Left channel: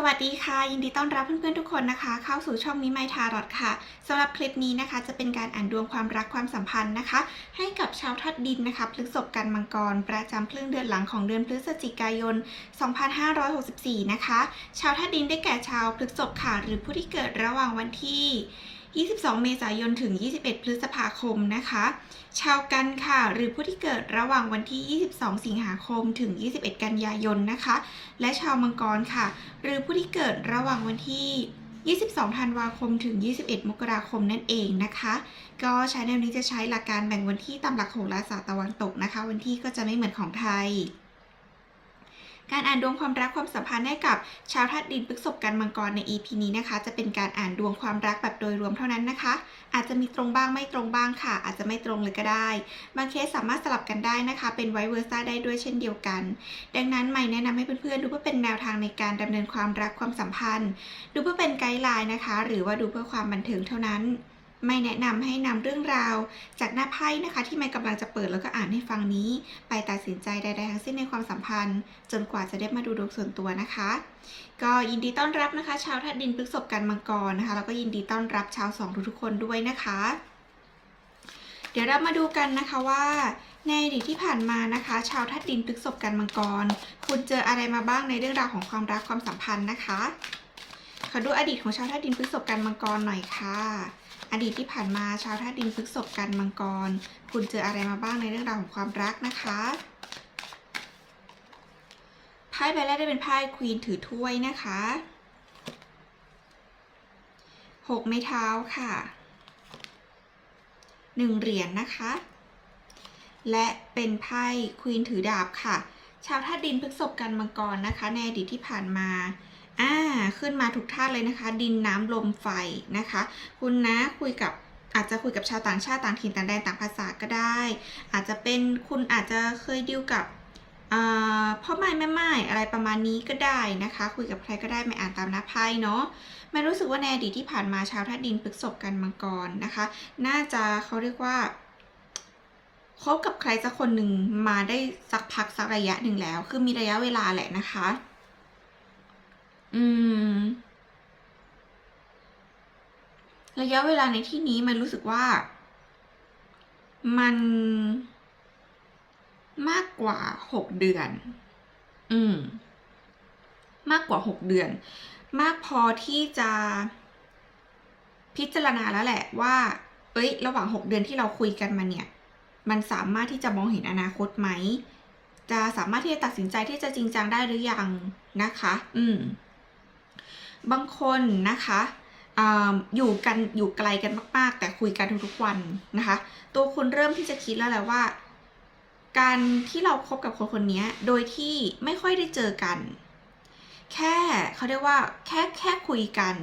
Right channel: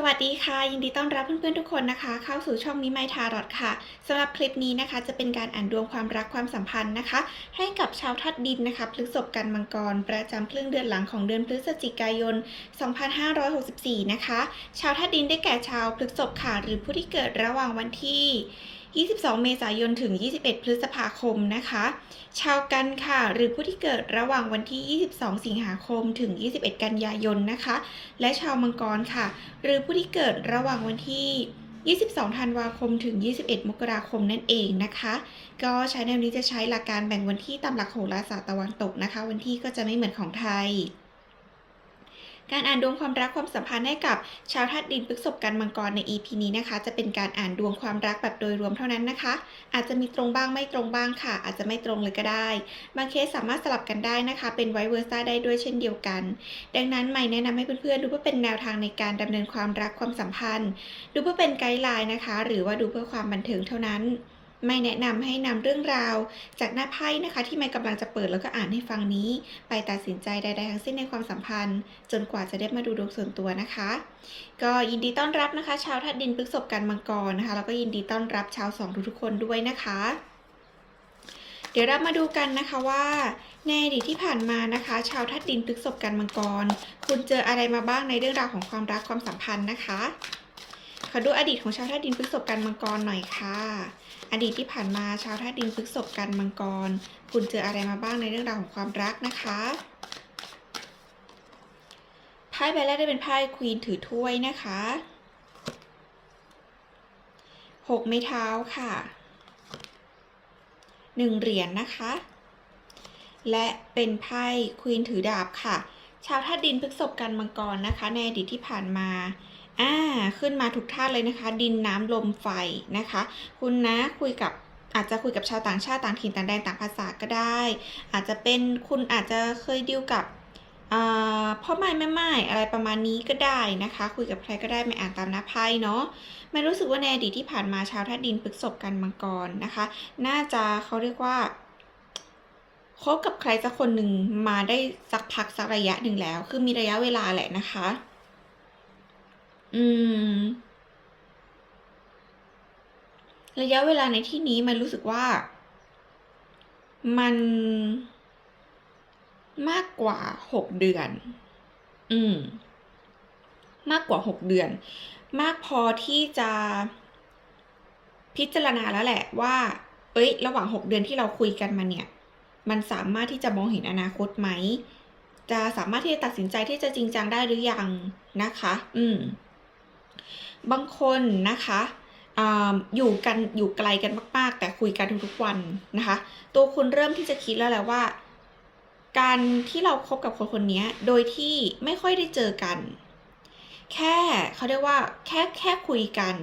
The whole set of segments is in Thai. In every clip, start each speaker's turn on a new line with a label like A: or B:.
A: สวัสดีค่ะ ยินดีต้อนรับเพื่อนๆทุกคนนะคะ เข้าสู่ช่องมิไมทารอดค่ะสำหรับคลิปนี้นะคะ จะเป็นการอ่านดวงความรักความสัมพันธ์นะคะ ให้กับชาวทัดดินนะคะพฤษภกันมังกร ประจำครึ่งเดือนหลังของเดือนพฤศจิกายน 2564 นะคะ ชาวทัดดินได้แก่ชาวพฤษภค่ะ หรือผู้ที่เกิดระหว่างวันที่ 22 เมษายน ถึง 21 พฤษภาคมนะคะ ชาวกันค่ะ หรือผู้ที่เกิดระหว่างวันที่ 22 สิงหาคม ถึง 21 กันยายนนะคะ และชาวมังกรค่ะ หรือผู้ที่เกิดระหว่างวันที่ 22 ธันวาคม ถึง 21 มกราคมนั่นเองนะคะ ก็ใช้แนวนี้จะใช้หลักการแบ่งวันที่ตามหลักโหราศาสตร์ตะวันตกนะคะ วันที่ก็จะไม่เหมือนของไทย การอ่านดวงความรักความสัมพันธ์ให้กับชาวธาตุดินพฤษภกันมังกรใน EP นี้นะคะ จะเป็นการอ่านดวงความรักแบบโดยรวมเท่านั้นนะคะ อาจจะมีตรงบ้างไม่ตรงบ้างค่ะ อาจจะไม่ตรงเลยก็ได้ บางเคสสามารถสลับกันได้นะคะ เป็นไวเวอร์ซ่าได้ด้วยเช่นเดียวกัน ดังนั้นใหม่แนะนำให้เพื่อนๆดูเพื่อเป็นแนวทางในการดำเนินความรักความสัมพันธ์ ดูเพื่อเป็นไกด์ไลน์นะคะ หรือว่าดูเพื่อความบันเทิงเท่านั้น ไม่แนะนำให้นำเรื่องราว จากหน้าไพ่นะคะที่ไม่กำลังจะเปิดแล้วก็อ่านให้ฟังนี้ ไปตัดสินใจใดๆทั้งสิ้นในความสัมพันธ์ จนกว่าจะได้มาดูดวงส่วนตัวนะคะ ก็ยินดีต้อนรับนะคะ ชาวทัดดินพฤษภกันมังกรนะคะแล้วก็ยินดีต้อนรับชาวสองทุกๆคนด้วยนะคะ เดี๋ยวเรามาดูกันนะคะว่าในอดีตที่ผ่านมานะคะ ชาวทัดดินพฤษภกันมังกร คุณเจออะไรมาบ้างในเรื่องราวของความรักความสัมพันธ์นะคะ ขอดูอดีตของชาวธาตุดินพฤษภกันมังกรหน่อยค่ะ อดีตที่ผ่านมาชาวธาตุดินพฤษภกันมังกร คุณเจออะไรมาบ้างในเรื่องราวของความรักนะคะไพ่ใบแรกได้เป็นไพ่ควีนถือถ้วยนะคะหกไม้เท้าค่ะหนึ่งเหรียญนะคะ และเป็นไพ่ควีนถือดาบค่ะ ชาวธาตุดินพฤษภกันมังกรนะคะ ในอดีตที่ผ่านมา อ่าขึ้นมาถูกท่าตุเลยนะคะ ดินน้ำลมไฟนะคะ คุณนะคุยกับอาจจะคุยกับชาวต่างชาติต่างถิ่นต่างแดนต่างภาษาก็ได้ อาจจะเป็นคุณอาจจะเคยดิวกับพ่อไม้แม่ไม้อะไรประมาณนี้ก็ได้นะคะ คุยกับใครก็ได้ไม่อ่านตามหน้าไพ่เนาะไม่รู้สึกว่าในอดีตที่ผ่านมาชาวธาตุดินพฤษภกันมังกรนะคะ น่าจะเขาเรียกว่าคบกับใครสักคนหนึ่งมาได้สักพักสักระยะหนึ่งแล้ว คือมีระยะเวลาแหละนะคะ อืม ระยะเวลาในที่นี้มันรู้สึกว่า มัน มากกว่าหกเดือน อืม มากกว่าหกเดือน มากพอที่จะพิจารณาแล้วแหละว่า เอ้ย ระหว่างหกเดือนที่เราคุยกันมาเนี่ย มันสามารถที่จะมองเห็นอนาคตไหม จะสามารถที่จะตัดสินใจที่จะจริงจังได้หรือยังนะคะ อืม บางคนนะคะอยู่กันอยู่ไกลกันมากๆ แต่คุยกันทุกๆวันนะคะ ตัวคุณเริ่มที่จะคิดแล้วแหละว่า การที่เราคบกับคนคนนี้โดยที่ไม่ค่อยได้เจอกัน แค่เขาเรียกว่าแค่แค่คุยกัน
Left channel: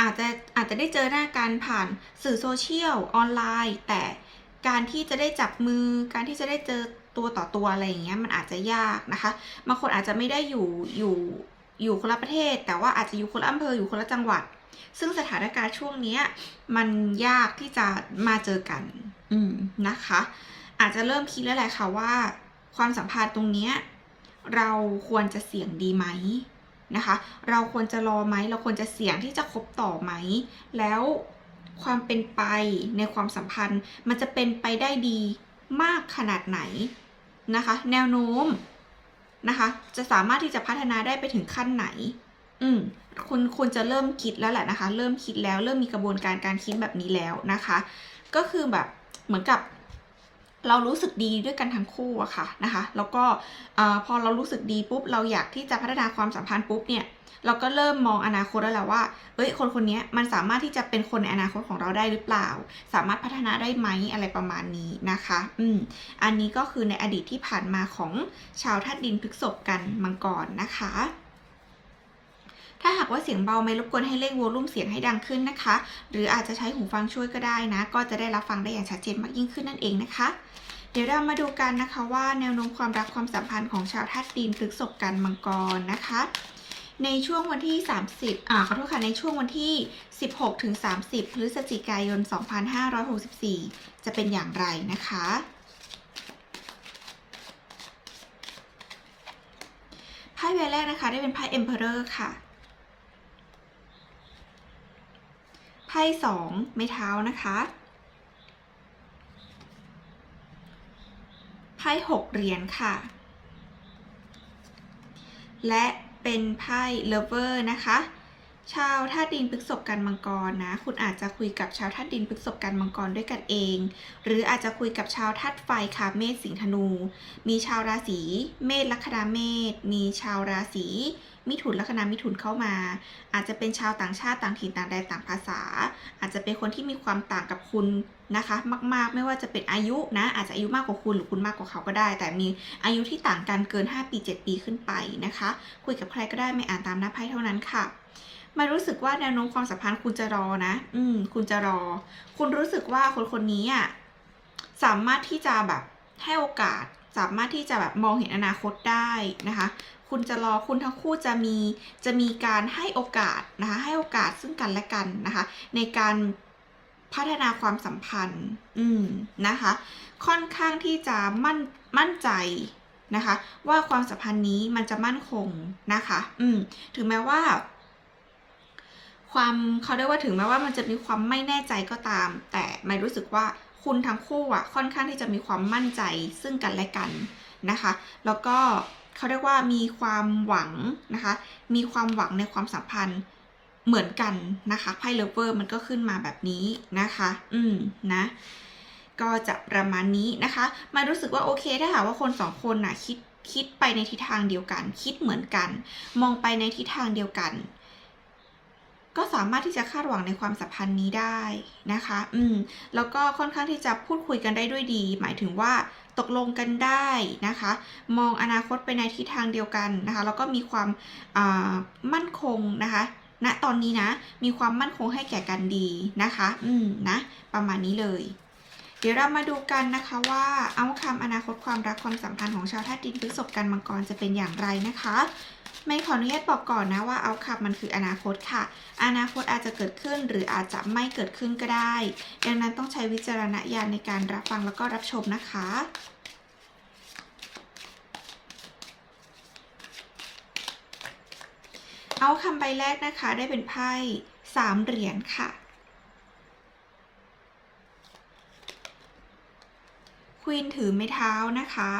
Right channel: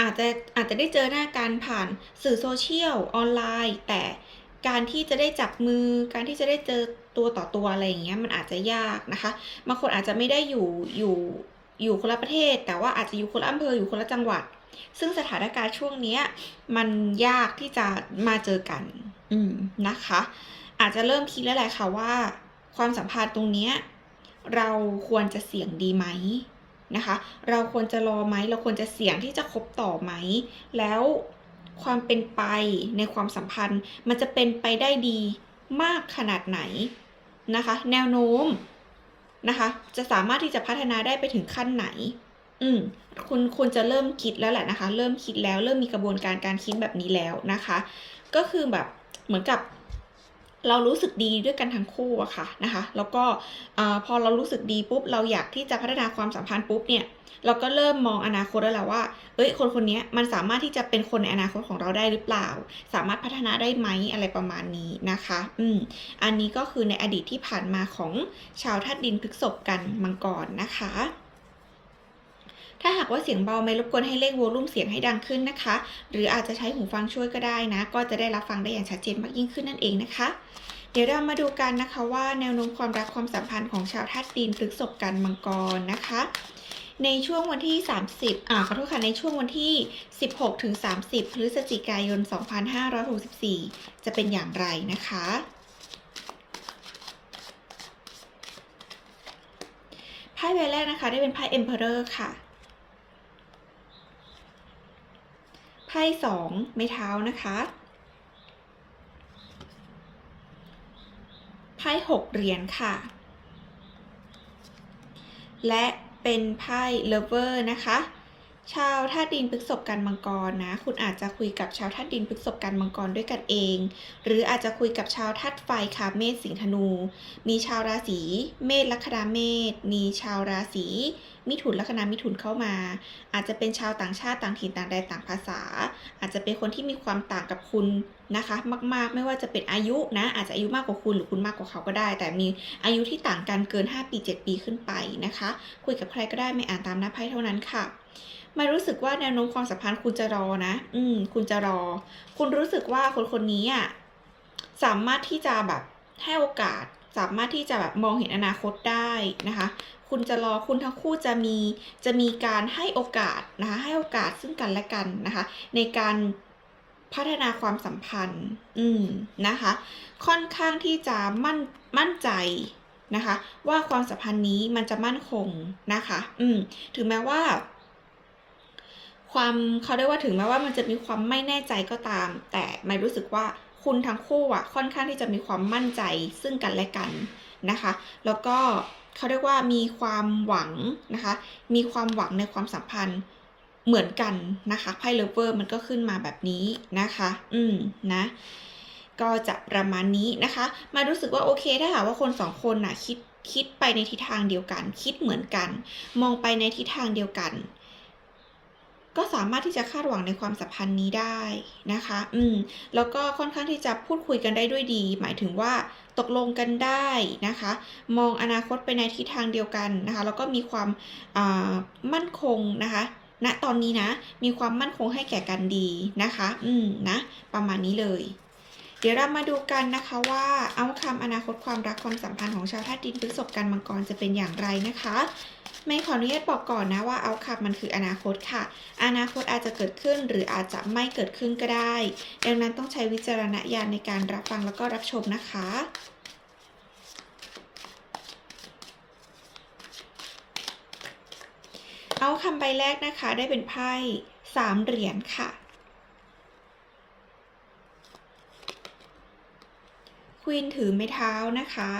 A: อาจจะอาจจะได้เจอหน้ากันผ่านสื่อโซเชียลออนไลน์ แต่การที่จะได้จับมือ การที่จะได้เจอตัวต่อตัวอะไรอย่างเงี้ยมันอาจจะยากนะคะบางคนอาจจะไม่ได้อยู่อยู่ อยู่คนละประเทศ แต่ว่าอาจจะอยู่คนละอำเภออยู่คนละจังหวัด ซึ่งสถานการณ์ช่วงนี้มันยากที่จะมาเจอกัน อืมนะคะ อาจจะเริ่มคิดแล้วแหละค่ะว่า ความสัมพันธ์ตรงเนี้ยเราควรจะเสี่ยงดีไหมนะคะ เราควรจะรอไหมเราควรจะเสี่ยงที่จะคบต่อไหม แล้วความเป็นไปในความสัมพันธ์ มันจะเป็นไปได้ดีมากขนาดไหนนะคะ แนวโน้ม นะคะ จะสามารถที่จะพัฒนาได้ไปถึงขั้นไหน อืมคุณคุณจะเริ่มคิดแล้วแหละนะคะ เริ่มคิดแล้วเริ่มมีกระบวนการการคิดแบบนี้แล้วนะคะ ก็คือแบบเหมือนกับ เรารู้สึกดีด้วยกันทั้งคู่อะค่ะนะคะ แล้วก็พอเรารู้สึกดีปุ๊บเราอยากที่จะพัฒนาความสัมพันธ์ปุ๊บเนี่ยเราก็เริ่มมองอนาคตแล้วแหละว่า เอ้ย คนคนนี้มันสามารถที่จะเป็นคนในอนาคตของเราได้หรือเปล่า สามารถพัฒนาได้ไหมอะไรประมาณนี้นะคะ อืม อันนี้ก็คือในอดีตที่ผ่านมาของชาวธาตุดินพฤกษภกันมังกรนะคะ ถ้าหากว่าเสียงเบาไม่รบกวนให้เร่งโวลูมเสียงให้ดังขึ้นนะคะ หรืออาจจะใช้หูฟังช่วยก็ได้นะ ก็จะได้รับฟังได้อย่างชัดเจนมากยิ่งขึ้นนั่นเองนะคะ เดี๋ยวเรามาดูกันนะคะว่าแนวโน้มความรักความสัมพันธ์ของชาวธาตุดินพฤษภกันมังกรนะคะในช่วงวันที่ 30 อ่า ขอโทษค่ะ ในช่วงวันที่ 16 ถึง 30 พฤศจิกายน 2564 จะเป็นอย่างไรนะคะ ไพ่ใบแรกนะคะ ได้เป็นไพ่ Emperor ค่ะ พ่สองไม้เท้านะคะไพ่หกเหรียญค่ะ และเป็นไพ่เลเวอร์นะคะ ชาวธาตุดินพฤษภกันมังกรนะ คุณอาจจะคุยกับชาวธาตุดินพฤษภกันมังกรด้วยกันเอง หรืออาจจะคุยกับชาวธาตุไฟค่ะเมษสิงห์ธนู มีชาวราศีเมษลัคนาเมษมีชาวราศี มิถุนลัคนามิถุนเข้ามา อาจจะเป็นชาวต่างชาติต่างถิ่นต่างแดนต่างภาษา อาจจะเป็นคนที่มีความต่างกับคุณนะคะ มากๆ ไม่ว่าจะเป็นอายุนะ อาจจะอายุมากกว่าคุณหรือคุณมากกว่าเขาก็ได้ แต่มีอายุที่ต่างกันเกิน 5 ปี 7 ปีขึ้นไปนะคะ คุยกับใครก็ได้ไม่อ่านตามหน้าไพ่เท่านั้นค่ะมารู้สึกว่าแนวโน้มความสัมพันธ์คุณจะรอนะ อืม คุณจะรอ คุณรู้สึกว่าคนคนนี้อะสามารถที่จะแบบให้โอกาส สามารถที่จะแบบมองเห็นอนาคตได้นะคะ คุณจะรอคุณทั้งคู่จะมีจะมีการให้โอกาสนะคะให้โอกาสซึ่งกันและกันนะคะ ในการพัฒนาความสัมพันธ์ อืมนะคะ ค่อนข้างที่จะมั่นมั่นใจนะคะ ว่าความสัมพันธ์นี้มันจะมั่นคงนะคะ อืมถึงแม้ว่า ความเขาเรียกว่าถึงแม้ว่ามันจะมีความไม่แน่ใจก็ตาม แต่ไม่รู้สึกว่าคุณทั้งคู่อะ ค่อนข้างที่จะมีความมั่นใจซึ่งกันและกันนะคะ แล้วก็ เขาเรียกว่ามีความหวังนะคะ มีความหวังในความสัมพันธ์เหมือนกันนะคะไพ่เลเวอร์มันก็ขึ้นมาแบบนี้นะคะ อืมนะ ก็จะประมาณนี้นะคะ มารู้สึกว่าโอเคถ้าหากว่าคนสองคนน่ะคิดคิดไปในทิศทางเดียวกัน คิดเหมือนกัน มองไปในทิศทางเดียวกัน ก็สามารถที่จะคาดหวังในความสัมพันธ์นี้ได้นะคะ อืม แล้วก็ค่อนข้างที่จะพูดคุยกันได้ด้วยดี หมายถึงว่า ตกลงกันได้นะคะ มองอนาคตไปในทิศทางเดียวกันนะคะ แล้วก็มีความามั่นคงนะคะณตอนนี้นะ มีความมั่นคงให้แก่กันดีนะคะ อืมนะ ประมาณนี้เลย เดี๋ยวเรามาดูกันนะคะว่าเอาคำอนาคตความรักความสัมพันธ์ของชาวธาตุดินพฤษภกันมังกรจะเป็นอย่างไรนะคะไม่ขออนุญาตบอกก่อนนะว่าเอาคำมันคืออนาคตค่ะ อนาคตอาจจะเกิดขึ้นหรืออาจจะไม่เกิดขึ้นก็ได้ ดังนั้นต้องใช้วิจารณญาณในการรับฟังแล้วก็รับชมนะคะ เอาคำใบแรกนะคะได้เป็นไพ่สามเหรียญค่ะ ควีนถือไม้เท้านะคะ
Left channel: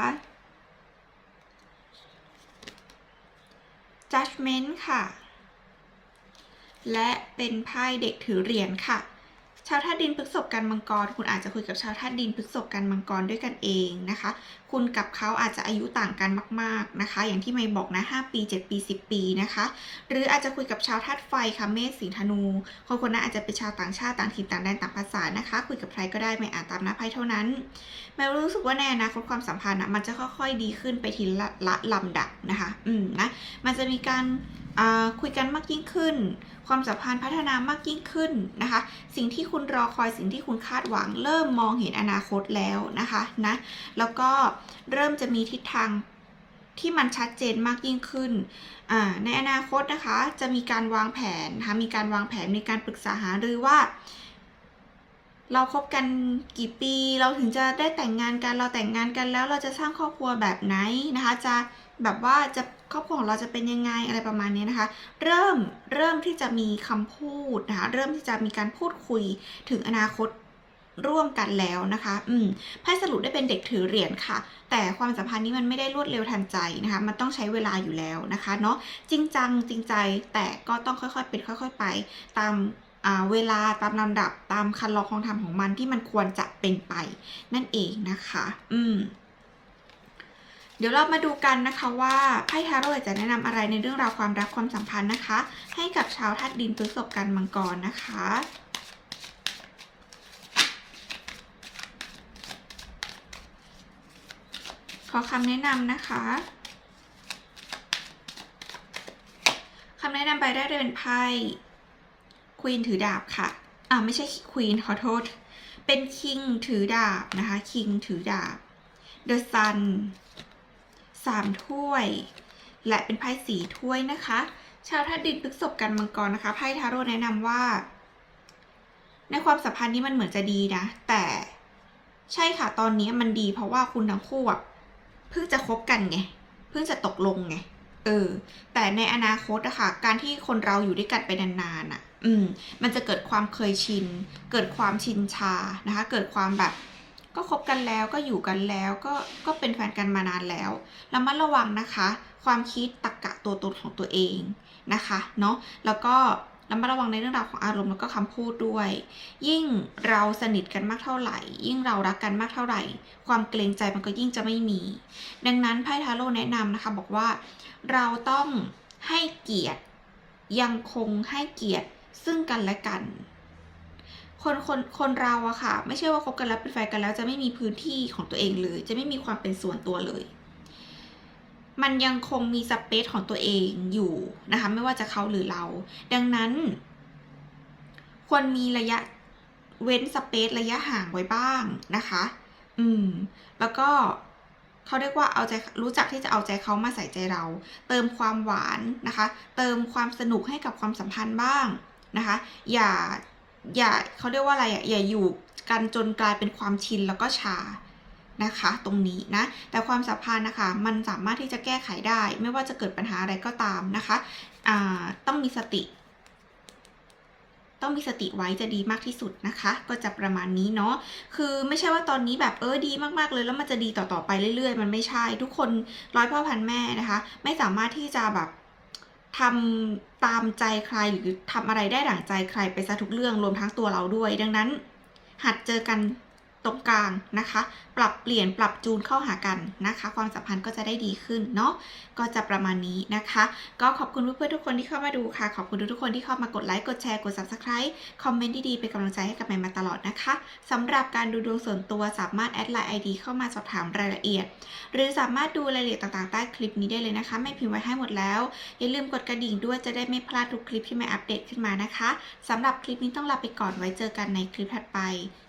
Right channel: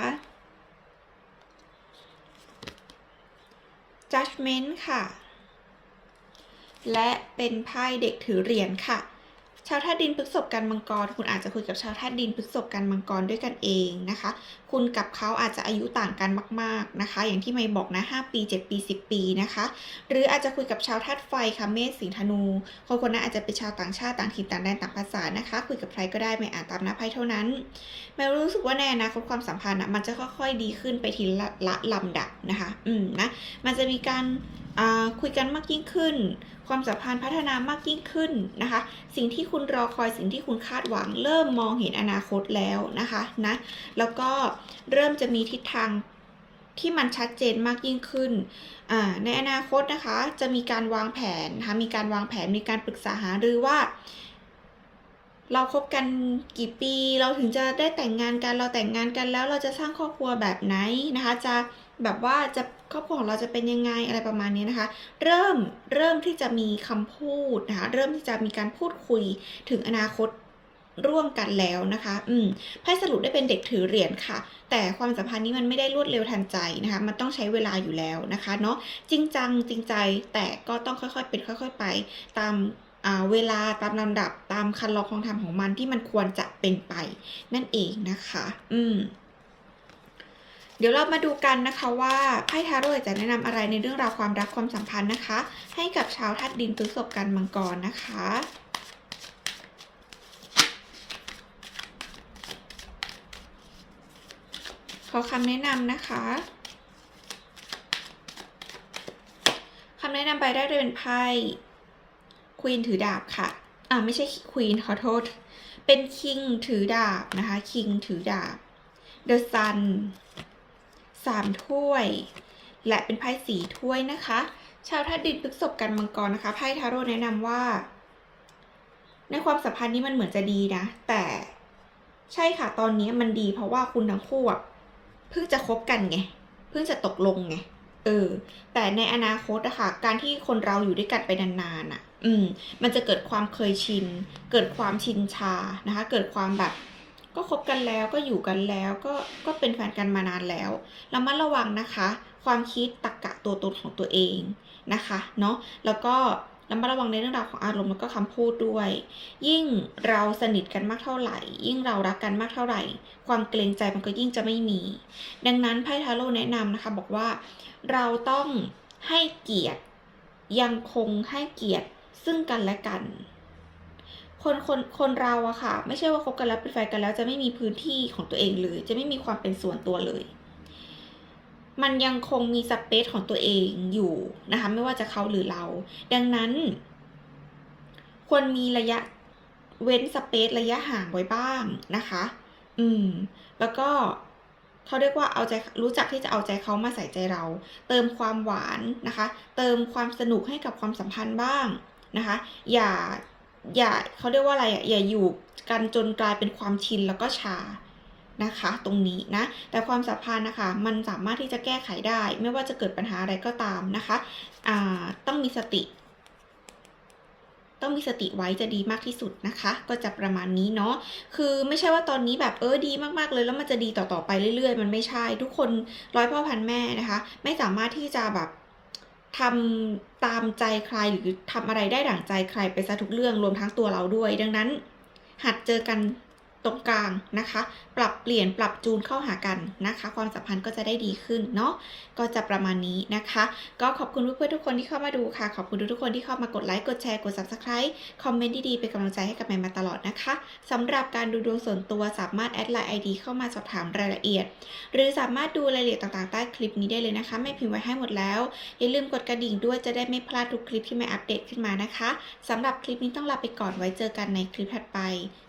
A: judgment ค่ะ และเป็นไพ่เด็กถือเหรียญค่ะ ชาวธาตุดินพฤษภกันมังกร คุณอาจจะคุยกับชาวธาตุดินพฤษภกันมังกรด้วยกันเองนะคะ คุณกับเขาอาจจะอายุต่างกันมาก ๆนะคะ อย่างที่ไม่บอกนะ 5 ปี 7 ปี 10 ปีนะคะ หรืออาจจะคุยกับชาวธาตุไฟค่ะเมษสิงธนูคนคนนั้นอาจจะเป็นชาวต่างชาติต่างถิ่นต่างแดนต่างภาษานะคะ คุยกับใครก็ได้ไม่อ่านตามหน้าไพ่เท่านั้น แมวรู้สึกว่าในอนาคความสัมพันธ์อะมันจะค่อยๆดีขึ้นไปทีละละลำดับนะคะ อืมนะ มันจะมีการคุยกันมากยิ่งขึ้น ความสัมพันธ์พัฒนามากยิ่งขึ้นนะคะ สิ่งที่คุณรอคอยสิ่งที่คุณคาดหวัง เริ่มมองเห็นอนาคตแล้วนะคะนะแล้วก็เริ่มจะมีทิศทางที่มันชัดเจนมากยิ่งขึ้นอ่าในอนาคตนะคะ จะมีการวางแผนนะคะมีการวางแผนมีการปรึกษาหารือว่า เราคบกันกี่ปี เราถึงจะได้แต่งงานกัน เราแต่งงานกันแล้วเราจะสร้างครอบครัวแบบไหนนะคะ จะแบบว่าจะ ครอบครัวของเราจะเป็นยังไงอะไรประมาณนี้นะคะ เริ่มเริ่มที่จะมีคำพูดนะคะเริ่มที่จะมีการพูดคุยถึงอนาคตร่วมกันแล้วนะคะ อืมไพ่สรุปได้เป็นเด็กถือเหรียญค่ะ แต่ความสัมพันธ์นี้มันไม่ได้รวดเร็วทันใจนะคะ มันต้องใช้เวลาอยู่แล้วนะคะ เนาะจริงจังจริงใจ แต่ก็ต้องค่อยๆเป็นค่อย ๆ ไป ตามเวลาตามลำดับตามคันลองของธรรมของมันที่มันควรจะเป็นไป นั่นเองนะคะ อืม เดี๋ยวเรามาดูกันนะคะว่าไพ่ทาโร่จะแนะนำอะไรในเรื่องราวความรักความสัมพันธ์นะคะ ให้กับชาวธาตุดินพฤษภกันมังกรนะคะขอคำแนะนำนะคะคำแนะนำไปได้เลยเป็นไพ่ควีนถือดาบค่ะอ่าไม่ใช่ควีนขอโทษ เป็นคิงถือดาบนะคะคิงถือดาบเดอะซัน 3 ถ้วย และเป็นไพ่สีถ้วยนะคะ ชาวธาตุดินพฤกศพกันมังกรนะคะไพ่ทาโร่แนะนำว่า ในความสัมพันธ์นี้มันเหมือนจะดีนะ แต่ใช่ค่ะตอนนี้มันดีเพราะว่าคุณทั้งคู่เพิ่งจะคบกันไงเพิ่งจะตกลงไงเออแต่ในอนาคตอะคะ่ะการที่คนเราอยู่ด้วยกันไปนานๆอะอืมมันจะเกิดความเคยชิน เกิดความชินชานะคะ เกิดความแบบ ก็คบกันแล้วก็อยู่กันแล้วก็ก็เป็นแฟนกันมานานแล้วระมัดระวังนะคะ ความคิดตรรกะตัวตนของตัวเองนะคะเนาะแล้วก็ระมัดระวังในเรื่องราวของอารมณ์แล้วก็คำพูดด้วย ยิ่งเราสนิทกันมากเท่าไหร่ ยิ่งเรารักกันมากเท่าไหร่ ความเกรงใจมันก็ยิ่งจะไม่มี ดังนั้นไพ่ทาโร่แนะนำนะคะ บอกว่าเราต้องให้เกียรติ ยังคงให้เกียรติซึ่งกันและกัน คนคนคนเราอะค่ะ ไม่ใช่ว่าคบกันแล้วเป็นแฟนกันแล้ว จะไม่มีพื้นที่ของตัวเองเลย จะไม่มีความเป็นส่วนตัวเลย มันยังคงมีสเปซของตัวเองอยู่นะคะไม่ว่าจะเขาหรือเรา ดังนั้น ควรมีระยะเว้นสเปซระยะห่างไว้บ้างนะคะ อืม แล้วก็เขาเรียกว่าเอาใจรู้จักที่จะเอาใจเขามาใส่ใจเรา เติมความหวานนะคะ เติมความสนุกให้กับความสัมพันธ์บ้างนะคะ อย่า อย่าเขาเรียกว่าอะไรอะอย่าอยู่กันจนกลายเป็นความชินแล้วก็ชานะคะตรงนี้นะแต่ความสัมพันธ์นะคะมันสามารถที่จะแก้ไขได้ ไม่ว่าจะเกิดปัญหาอะไรก็ตามนะคะต้องมีสติ ต้องมีสติไว้จะดีมากที่สุดนะคะ ก็จะประมาณนี้เนาะคือไม่ใช่ว่าตอนนี้แบบเออดีมากๆเลยแล้วมันจะดีต่อๆไปเรื่อยๆ มันไม่ใช่ ทุกคนร้อยพ่อพันแม่นะคะ ไม่สามารถที่จะแบบ ทำตามใจใครหรือทำอะไรได้ดั่งใจใครไปซะทุกเรื่องรวมทั้งตัวเราด้วย ดังนั้น หัดเจอกัน ตรงกลางนะคะ ปรับเปลี่ยนปรับจูนเข้าหากันนะคะ ความสัมพันธ์ก็จะได้ดีขึ้นเนาะก็จะประมาณนี้นะคะ ก็ขอบคุณเพื่อนๆทุกคนที่เข้ามาดูค่ะ ขอบคุณทุกคนที่เข้ามากดไลค์กดแชร์กด subscribe คอมเมนต์ดีๆเป็นกำลังใจให้กับแมนมาตลอดนะคะสำหรับการดูดวงส่วนตัวสามารถแอดไลน์ ID เข้ามาสอบถามรายละเอียด หรือสามารถดูรายละเอียดต่างๆใต้คลิปนี้ได้เลยนะคะ ไม่พิมพ์ไว้ให้หมดแล้ว อย่าลืมกดกระดิ่งด้วยจะได้ไม่พลาดทุกคลิปที่แม่อัปเดตขึ้นมานะคะสำหรับคลิปนี้ต้องลาไปก่อนไว้เจอกันในคลิปถัดไป